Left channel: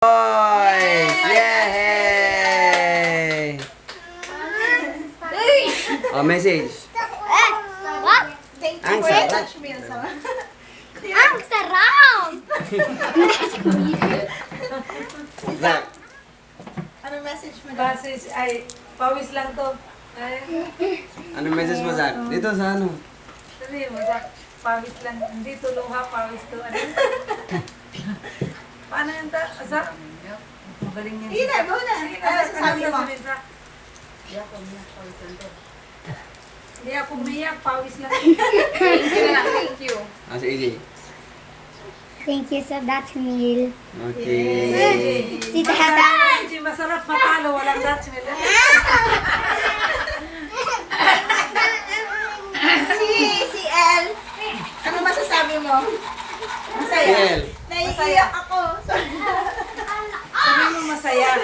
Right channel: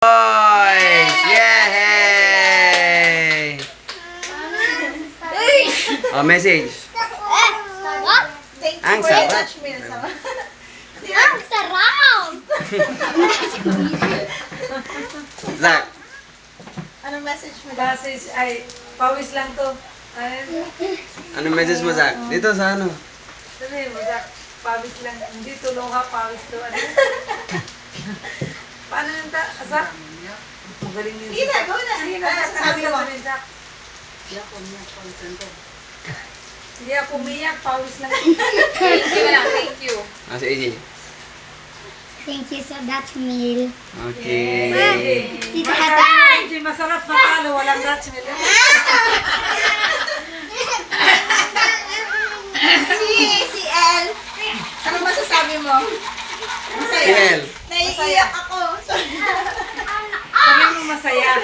Boys! Yay! Oh, message. What? Ang sarap. Ang sarap! Zach, Anong message mo? Message ay, pawis lang to. Ay, anong message mo, Zach? Dito sa ano? sabihin mo, Zach, pawis lang. Hindi tulong ha, pawis to. Ano? Paano yun ta? Zach? Magaling yun. Sige na, go na. Sige na, Ano Zach. sabi mo? Sabihin, Zach. Hindi ako umiyak, pawis lang. Thank you. Ah, si AJ. Thank you so much, Mil. Okay. Si Tatay! Hindi masarap matalo, walang Dutch milk. Si El. Ano masasabi mo? Masaya. Kiel. Naiiyak ako. Sabi mo masaya.